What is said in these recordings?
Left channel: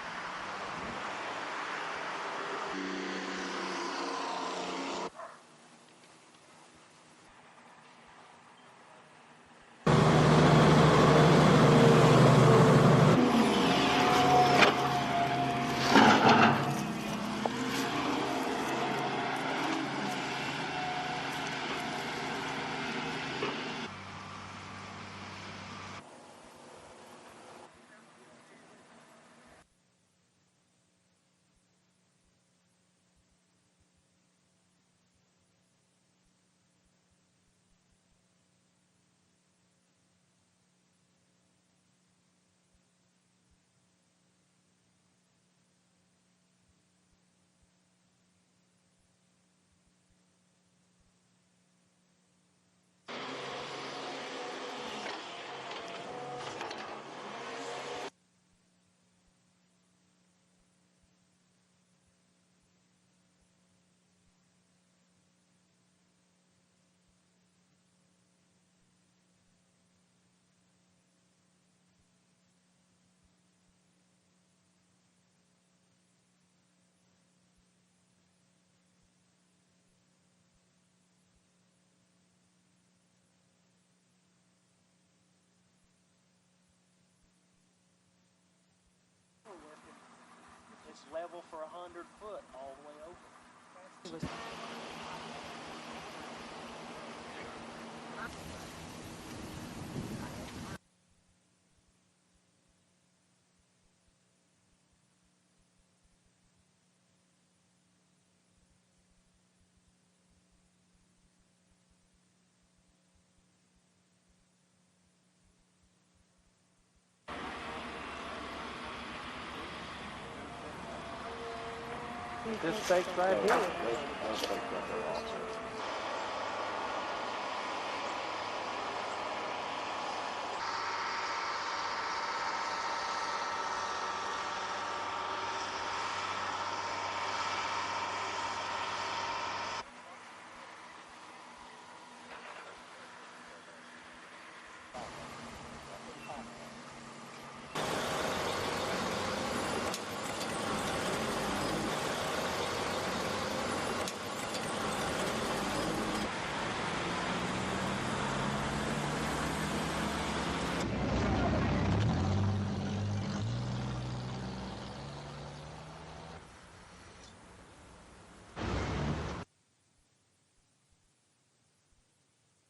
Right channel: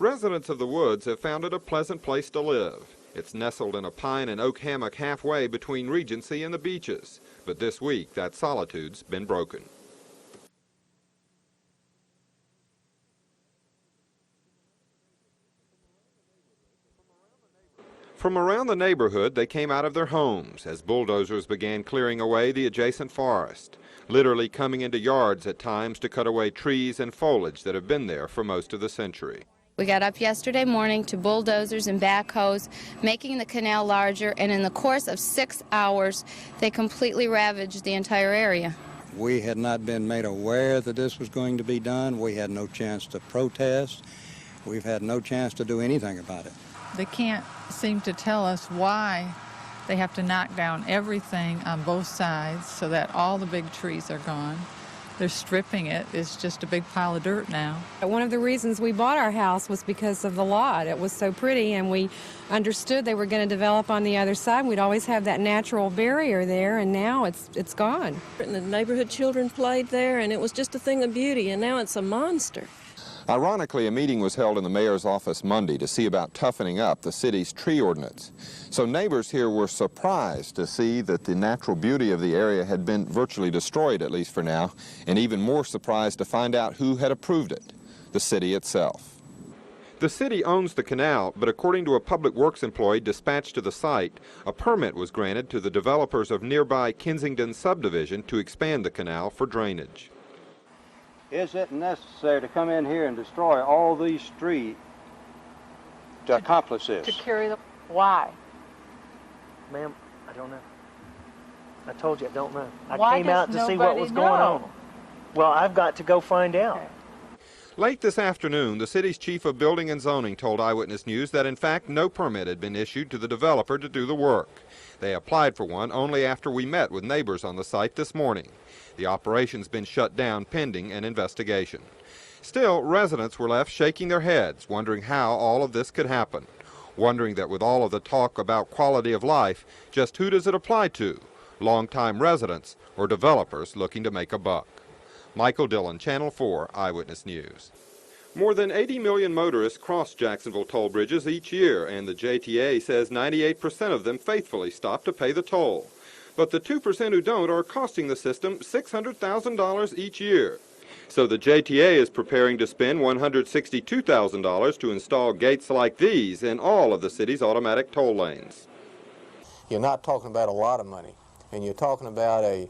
Residents of the woods have found it a pleasant place to live. It's nestled in a pine and oak hammock halfway between Regency and the beaches. But this week, that solitude's been broken. From around the neighborhood, they came out of their homes as bulldozers began clearing away the adjacent forest, literally coming into yards at times to cut away trees and foliage that have been there for most of the century. We got up yesterday morning to bulldozers and backhoes, making the canal larger, and in the course of 6 hours, they completely ravaged the entire area. We had not been made aware that this was going to be done. We had no chance to protest. We've had no chance to do anything about it. They can't seem to tell us why they have to knock down everything on both sides so that all the big trees are gone. They're stripping it. It's just a big pile of dirt now. One of the reasons we bought our house was because of the lot. It was so pretty, and we understood they were going to develop on the other side. We'd always have that natural barrier there, and now it's gone. And the neighborhood children played there, and it was just a thing of beauty, and now it's a monster. Ironically, a meeting was held in the mayor's office Monday to see about toughening up the city's tree ordinance. So neighbors here were surprised to see that the natural beauty of the area had been virtually destroyed, at least for now, and even more surprised to find out who had approved it, the city itself. The city owns the canal, but according to a public works employee dispatched to the site, a permit was granted to the developers of nearby Kensington subdivision to expand the canal for drainage. Is it necessary to come in here and destroy all these trees to accomplish this? To carry the... Why? Ma'am, I don't know. I told you I don't know. Why I came out to see what was going on. Well, I've got to go find out. Okay. Late this afternoon, the city's chief of building and zoning told Eyewitness News that in fact no permit had been issued to the developer to do the work. They applied for one only after we met with neighbors on the site this morning. The operation's been shut down pending an investigation. Still, residents were left shaking their heads, wondering how all of this could happen. Wondering that with all of the talk about quality of life, just who does it apply to? Longtime residents or developers looking to make a buck? Michael Dillin, Channel 4 Eyewitness News. More than 80 million motorists cross Jacksonville toll bridges each year, and the JTA says 98% of them faithfully stop to pay the toll. But the 2% who don't are costing the system $600,000 each year. So the JTA is preparing to spend $162,000 to install gates like these in all of the city's automatic toll lanes. You're not talking about a lot of money, and you're talking about a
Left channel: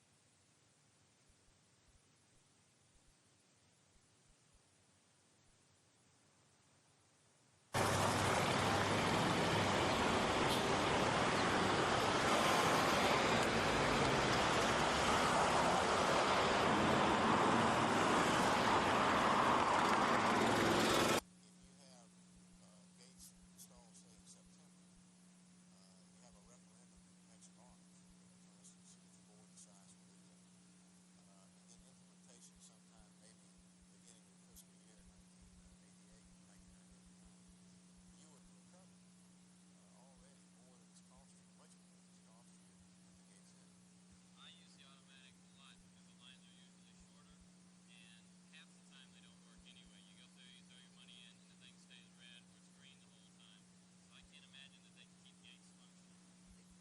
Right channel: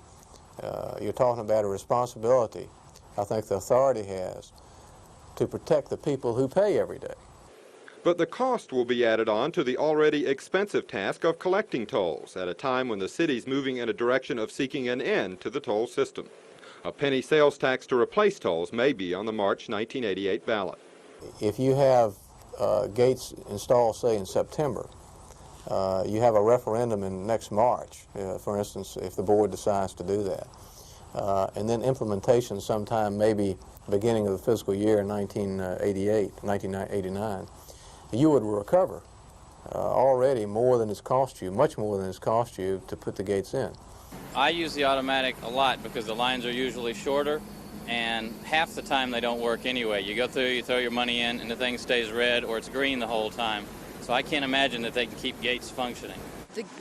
responsibility I think the authority has to protect the people who pay every day. But the cost will be added on to the already expensive task of collecting tolls at a time when the city's moving in a direction of seeking an end to the toll system. A penny sales tax to replace tolls may be on the March 1988 ballot. If you have gates installed, say, in September, you have a referendum in next March, for instance, if the board decides to do that. And then implementation sometime maybe beginning of the fiscal year in 1989, you would recover already more than it's cost you, much more than it's cost you to put the gates in. I use the automatic a lot because the lines are usually shorter, and half the time they don't work anyway. You go through, you throw your money in, and the thing stays red or it's green the whole time. So I can't imagine that they can keep gates functioning.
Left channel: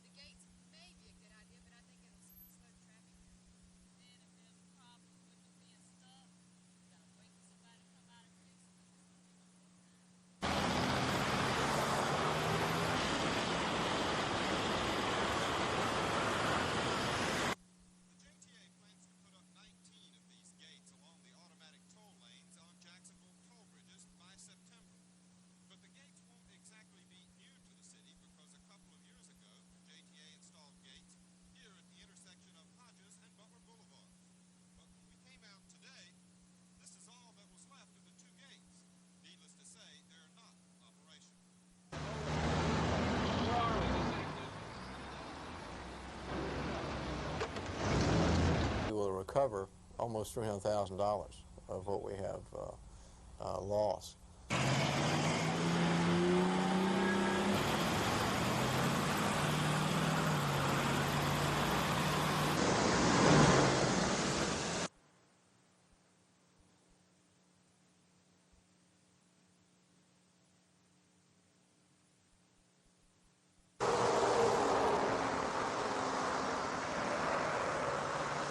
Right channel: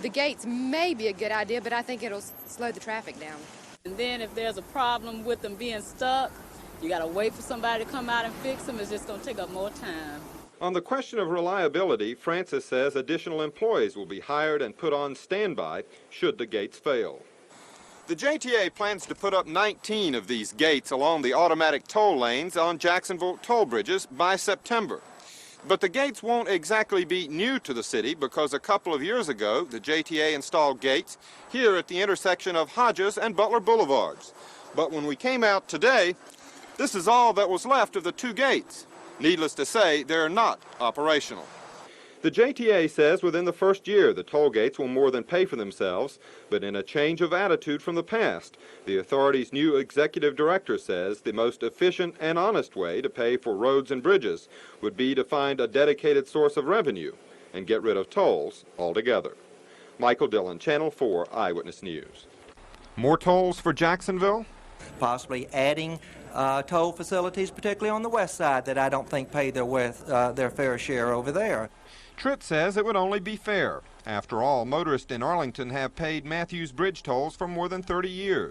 The gates may be a good idea, but I think it'll slow the traffic down. And then if there's a problem with them being stuck, you got to wait for somebody to come out and fix them. It's just going to take up more time. On the question of reliability, Francis says additional employees will be hired and put on standby should the gates fail. The JTA plans to put up 19 of these gates along the automatic toll lanes on Jacksonville toll bridges by September. But the gates won't exactly be new to the city because a couple of years ago, the JTA installed gates here at the intersection of Hodges and Butler Boulevards. But when we came out today, this is all that was left of the two gates. Needless to say, they're not operational. The JTA says within the first year, the toll gates will more than pay for themselves, but in a change of attitude from the past, the authority's new executive director says the most efficient and honest way to pay for roads and bridges would be to find a dedicated source of revenue and get rid of tolls altogether. Michael Dillin, Channel 4 Eyewitness News. More tolls for Jacksonville? Possibly adding toll facilities, particularly on the west side, that I don't think pay their fair share over there. Tritt says it would only be fair. After all, motorists in Arlington have paid Matthews Bridge tolls for more than 30 years.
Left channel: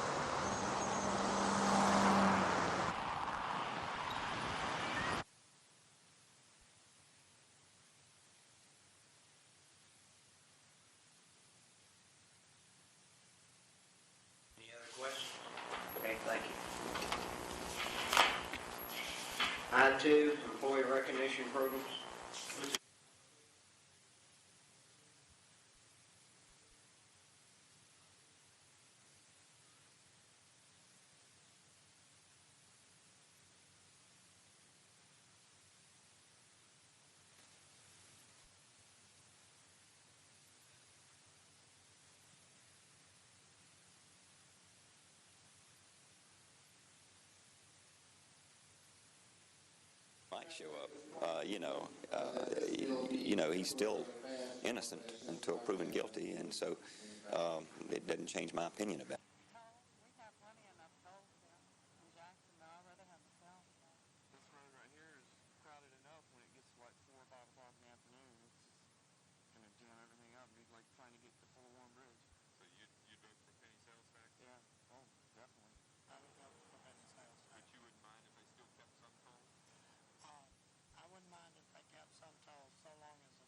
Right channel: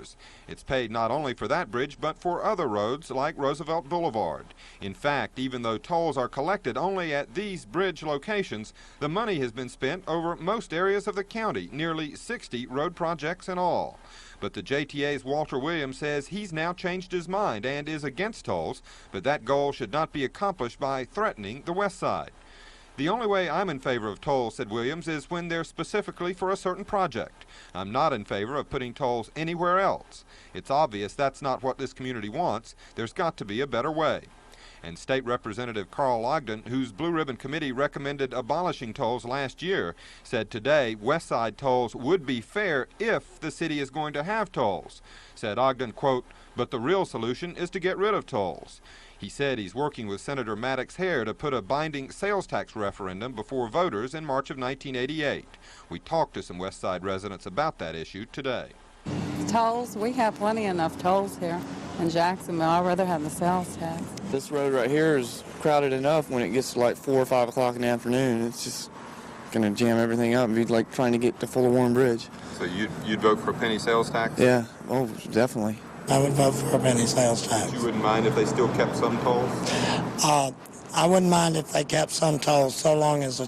It's paid not only for that bridge, but for other roads like Roosevelt Boulevard. In fact, even though tolls are collected only at these bridge locations, the money has been spent over most areas of the county, nearly 60 road projects in all. But the JTA's Walter Williams says he's now changed his mind and is against tolls, but that goal should not be accomplished by threatening the west side. The only way I'm in favor of tolls, said Williams, is when they're specifically for a certain project. I'm not in favor of putting tolls anywhere else. It's obvious that's not what this community wants. There's got to be a better way. And State Representative Carl Ogden, whose Blue Ribbon Committee recommended abolishing tolls last year, said today West Side tolls would be fair if the city is going to have tolls. Said Ogden, quote, "But the real solution is to get rid of tolls." He said he's working with Senator Maddox Hare to put a binding sales tax referendum before voters in March of 1988. We talked to some West Side residents about that issue today. Tolls, we have plenty enough tolls here in Jacksonville. I'd rather have the sales tax. This road right here is crowded enough when it gets to like 4 or 5 o'clock in the afternoon. It's just going to jam everything up and be like trying to get to Fuller Warren Bridge. So you'd vote for a penny sales tax? Yeah, oh, definitely. I would vote for a penny sales tax. You wouldn't mind if they still kept some tolls? I wouldn't mind if they kept some tolls so long as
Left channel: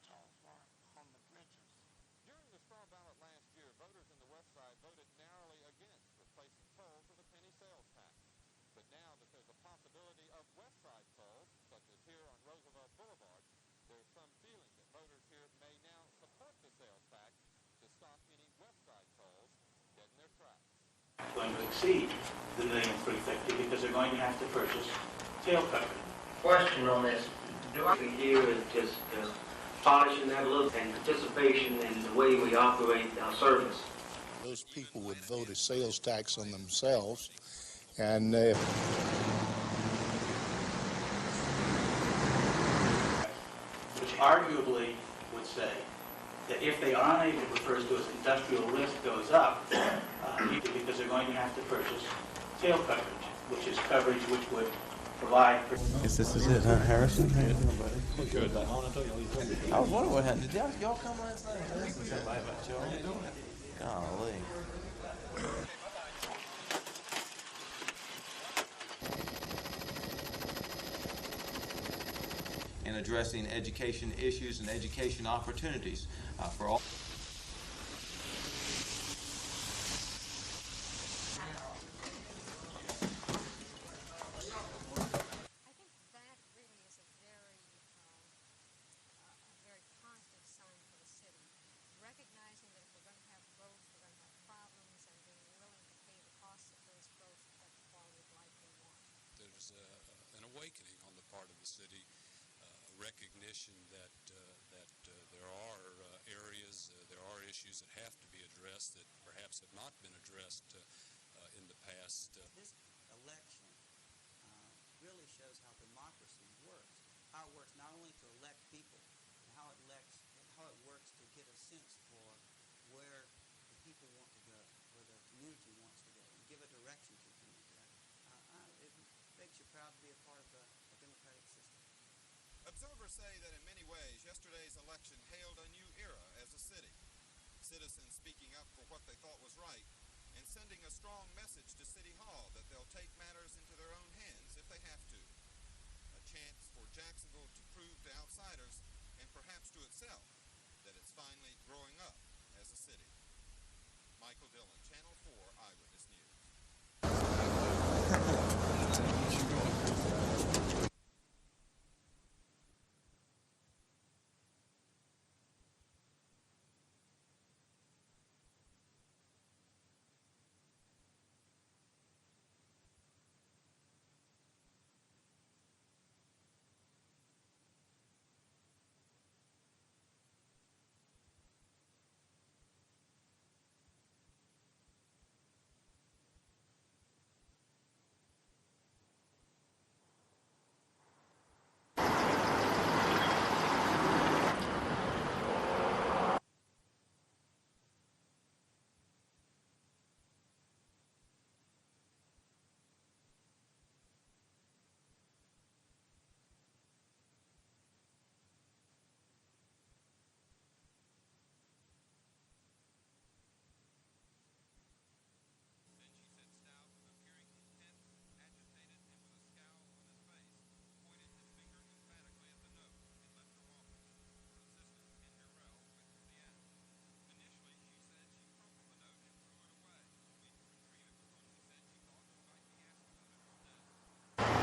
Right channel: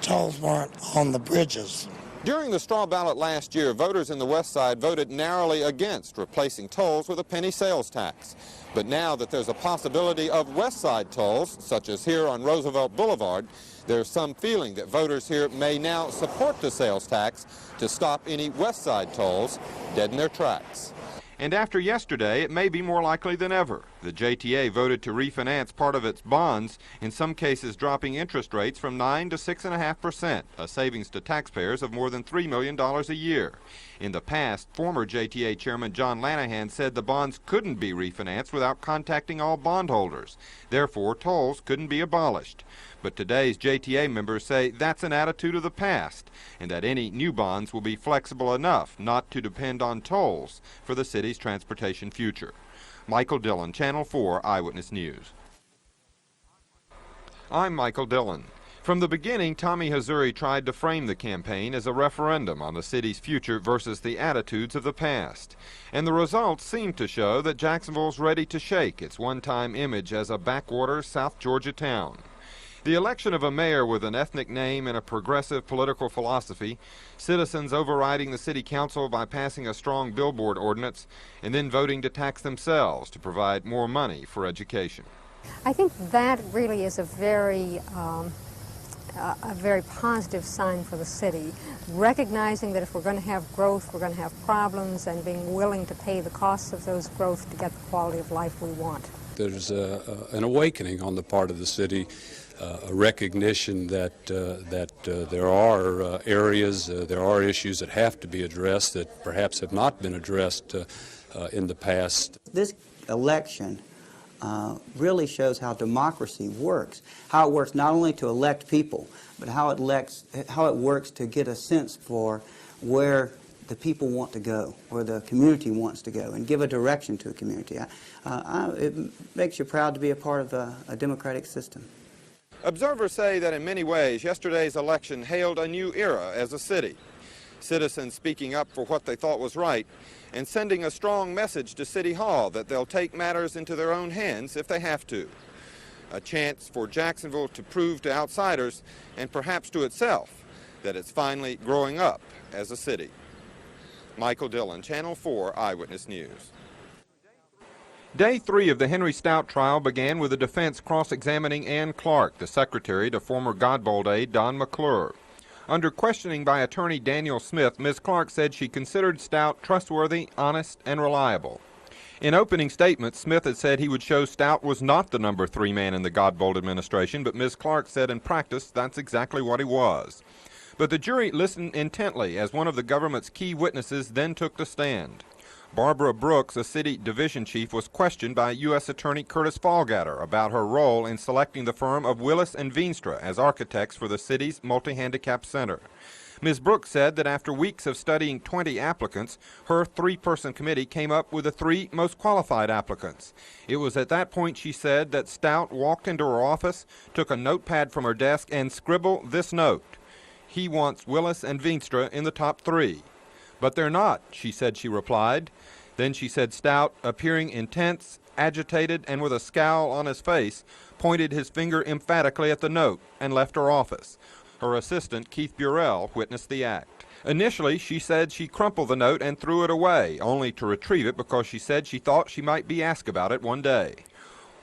tolls weren't on the bridges. During the straw ballot last year, voters in the West Side voted narrowly against replacing tolls with a penny sales tax. But now that there's a possibility of West Side tolls, such as here on Roosevelt Boulevard, there's some feeling that voters here may now support the sales tax to stop any West Side tolls dead in their tracks. And after yesterday, it may be more likely than ever. The JTA voted to refinance part of its bonds, in some cases dropping interest rates from 9 to 6.5%, a savings to taxpayers of more than $3 million a year. In the past, former JTA Chairman John Lanahan said the bonds couldn't be refinanced without contacting all bondholders. Therefore, tolls couldn't be abolished. But today's JTA members say that's an attitude of the past, and that any new bonds will be flexible enough not to depend on tolls for the city's transportation future. Michael Dillin, Channel 4 Eyewitness News. This is it, huh, Harrison? I'm Michael Dillin. From the beginning, Tommy Hazouri tried to frame the campaign as a referendum on the city's future versus the attitudes of the past. And the results seem to show that Jacksonville's ready to shake its one-time image as a backwater South Georgia town. The election of a mayor with an ethnic name and a progressive political philosophy, citizens overriding the city council by passing a strong billboard ordinance, and then voting to tax themselves to provide more money for education. I think that really is a very positive sign for the city, recognizing that if we're going to have growth, we're going to have problems, and being willing to pay the costs of those growth to get the quality of life we want. There's an awakening on the part of the city, a recognition that there are areas, there are issues that have to be addressed that perhaps have not been addressed in the past. This election really shows how democracy works, how it works not only to elect people, but how it works to get a sense for where the people want to go, where the community wants to go, and give a direction to a community. It makes you proud to be a part of a democratic system. Observers say that in many ways, yesterday's election hailed a new era as a city. Citizens speaking up for what they thought was right and sending a strong message to City Hall that they'll take matters into their own hands if they have to. A chance for Jacksonville to prove to outsiders and perhaps to itself that it's finally growing up as a city. Michael Dillin, Channel 4 Eyewitness News. Day 3 of the Henry Stout trial began with the defense cross-examining Ann Clark, the secretary to former Godbold aide Don McClure. Under questioning by attorney Daniel Smith, Ms. Clark said she considered Stout trustworthy, honest, and reliable. In opening statements, Smith had said he would show Stout was not the number 3 man in the Godbold administration, but Ms. Clark said in practice that's exactly what he was. But the jury listened intently as one of the government's key witnesses then took the stand. Barbara Brooks, a city division chief, was questioned by U.S. Attorney Curtis Fallgatter about her role in selecting the firm of Willis and Veenstra as architects for the city's multi-handicap center. Ms. Brooks said that after weeks of studying 20 applicants, her 3-person committee came up with the 3 most qualified applicants. It was at that point, she said, that Stout walked into her office, took a notepad from her desk, and scribbled this note: "He wants Willis and Veenstra in the top 3. "But they're not," she said. She replied. Then she said Stout, appearing intense, agitated, and with a scowl on his face, pointed his finger emphatically at the note and left her office. Her assistant, Keith Burrell, witnessed the act. Initially, she said she crumpled the note and threw it away, only to retrieve it because she said she thought she might be asked about it one day.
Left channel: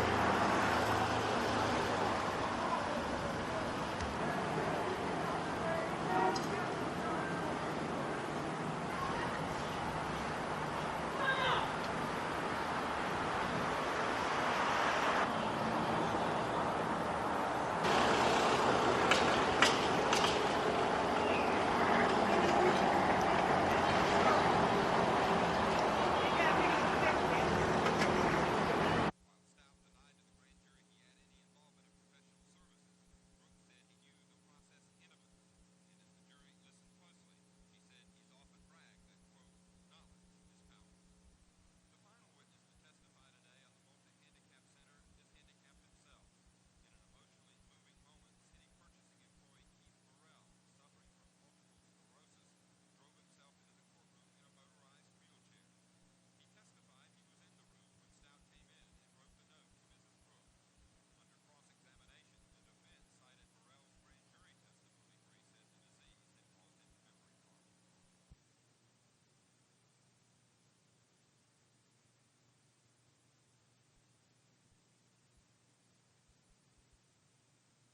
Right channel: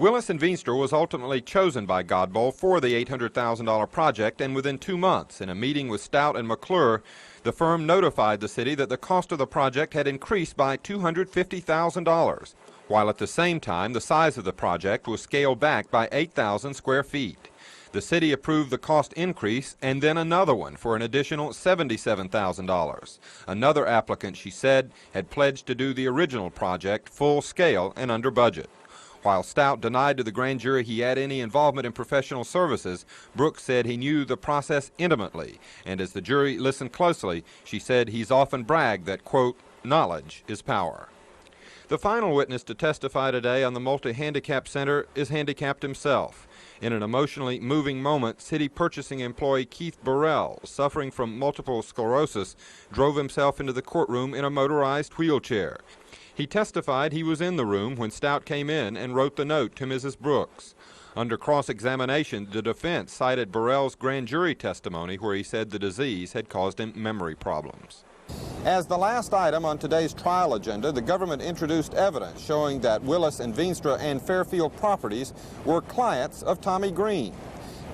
Willis and Veenstra was ultimately chosen by Godbold for the $800,000 project, and within 2 months, in a meeting with Stout and McClure, the firm notified the city that the cost of the project had increased by $250,000, while at the same time the size of the project was scaled back by 8,000 square feet. The city approved the cost increase and then another one for an additional $77,000. Another applicant, she said, had pledged to do the original project full scale and under budget. While Stout denied to the grand jury he had any involvement in professional services, Brooks said he knew the process intimately, and as the jury listened closely, she said he's often bragged that, quote, "knowledge is power." The final witness to testify today on the Multi-Handicap Center is handicapped himself. In an emotionally moving moment, city purchasing employee Keith Burrell, suffering from multiple sclerosis, drove himself into the courtroom in a motorized wheelchair. He testified he was in the room when Stout came in and wrote the note to Mrs. Brooks. Under cross-examination, the defense cited Burrell's grand jury testimony where he said the disease had caused him memory problems. As the last item on today's trial agenda, the government introduced evidence showing that Willis and Veenstra and Fairfield Properties were clients of Tommy Green.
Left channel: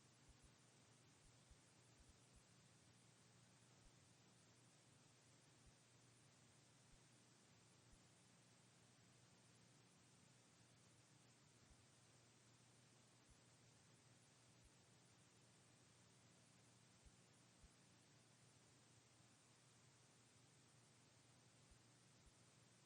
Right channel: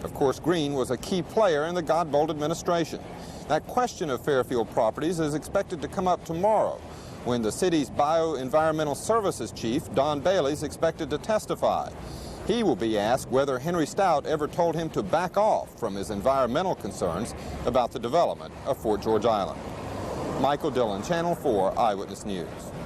Of course, Green was a key player in the Godbold administration. That question of Fairfield Properties is expected to come up tomorrow, when the city's Bioenvironmental Services Chief, Don Bailey, is expected to testify. He will be asked whether Henry Stout ever told him to back off from his environmental concerns about the development of Fort George Island. Michael Dillin, Channel 4 Eyewitness News.